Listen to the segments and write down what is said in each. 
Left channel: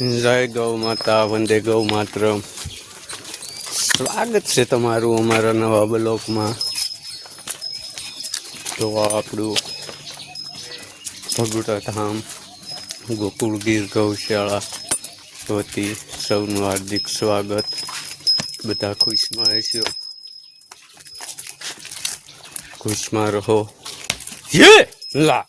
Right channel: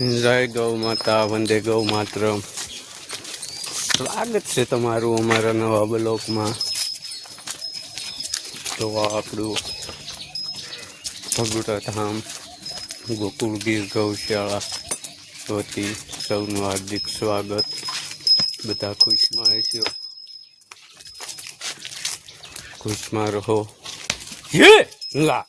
જય ગૌ માતા, વંદે ગૌ માત્ર સ્વાગત છે તમારું અમારા નવા બ્લોકમાં તો આપણું ભગુટા ધામ, ગોકુળ ગીર ગૌશાળા વતી સૌનું હાર્દિક સ્વાગત. બધા ખુશમાં રહેશો. ખુશમાં રહો. યે લા!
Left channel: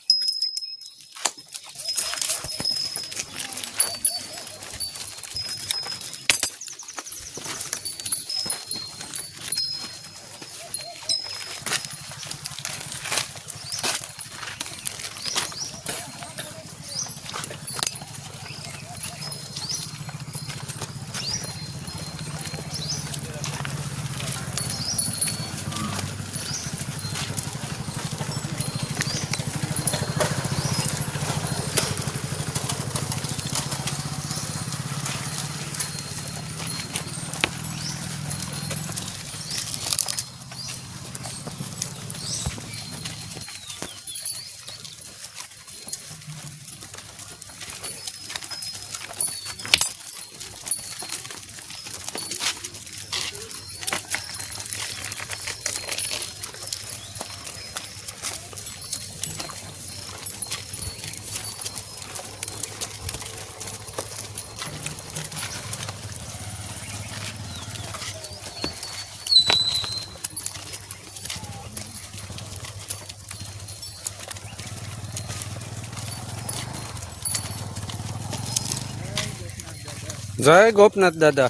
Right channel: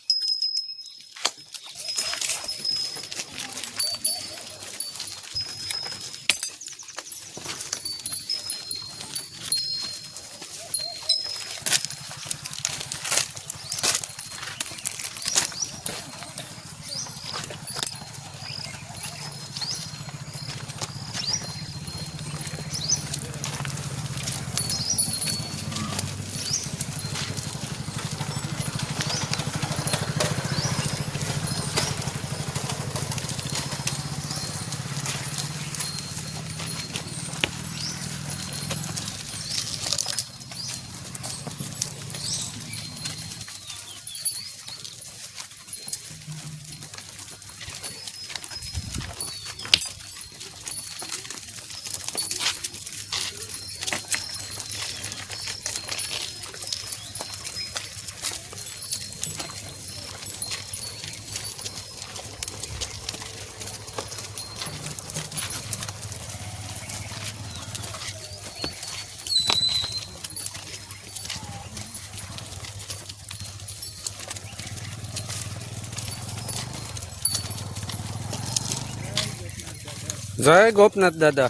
જય ગોપનાથ દાદા.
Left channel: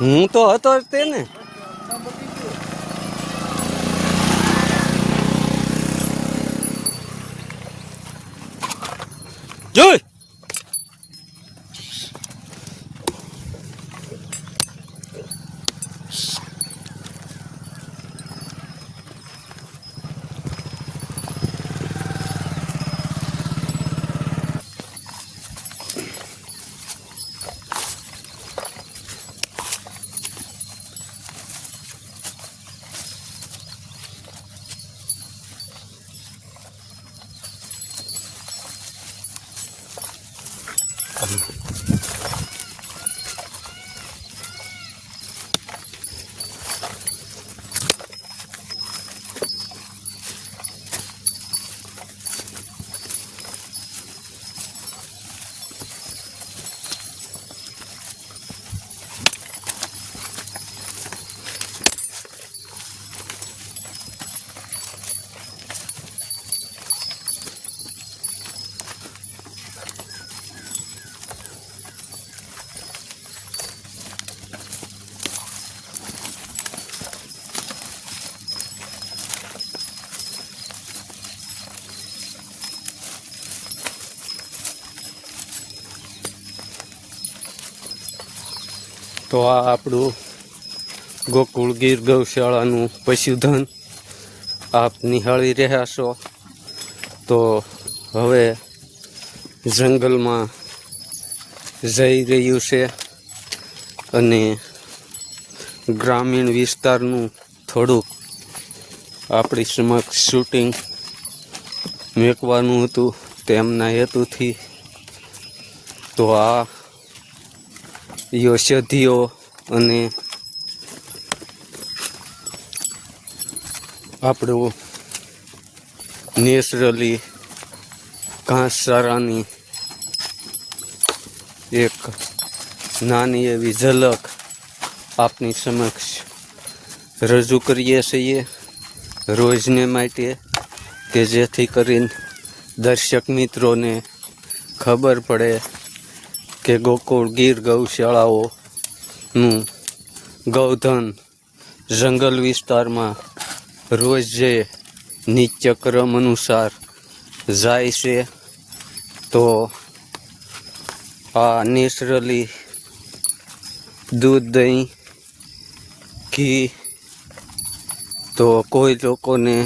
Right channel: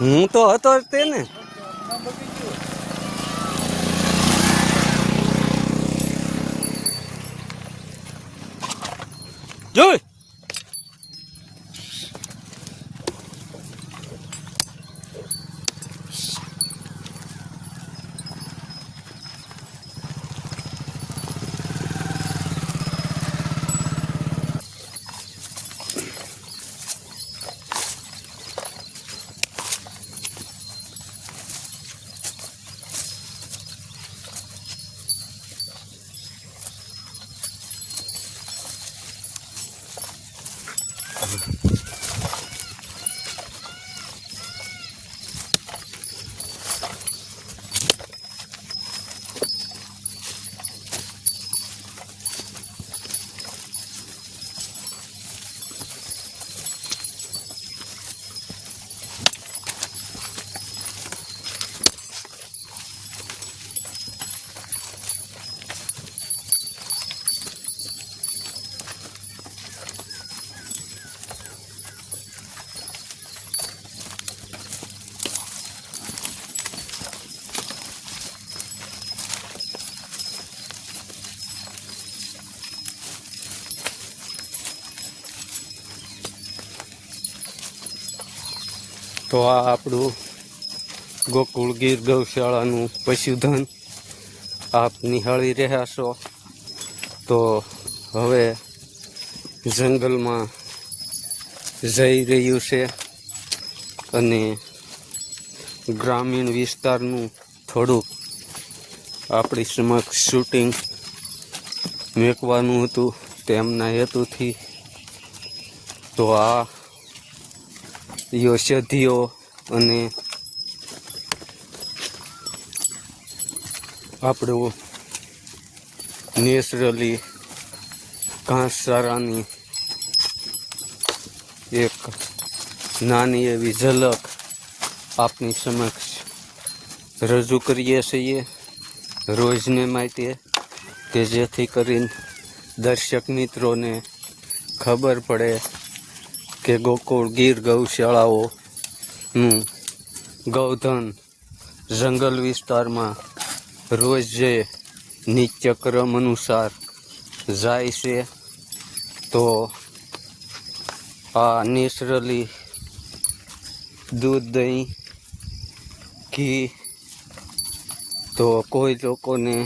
હું તો હતો તે ને જોઈ. તો આ આપણું ગોકુળ ગીર ગૌશાળાનું પશુધન આપ નિહાળી રહ્યા છો. તો હવે જંગલમાં જઈ રહ્યું છે અને ગ્રામીણ વિસ્તારનું થોડુંક આપણી સમક્ષ શૂટિંગ મેકવાનું હતું તેમના હેતુથી. તો આ ઔષધિઓ અને આપણું નેચરલી ઘાસચારાની એક નાની એવી ઝલક આપની સમક્ષ રજૂ કરીએ છીએ રોજને માટે કે જેથી કરીને દર્શક મિત્રોને ખબર પડે કે ગોકુળ, ગીર, ગૌશાળાઓનું ગૌધન જંગલ વિસ્તારમાં રોજ જે નિત્યક્રમ અનુસાર જાય છે, તો આ નેચરલી દૂધ, દહીં, ઘી તો કોઈ લોકોને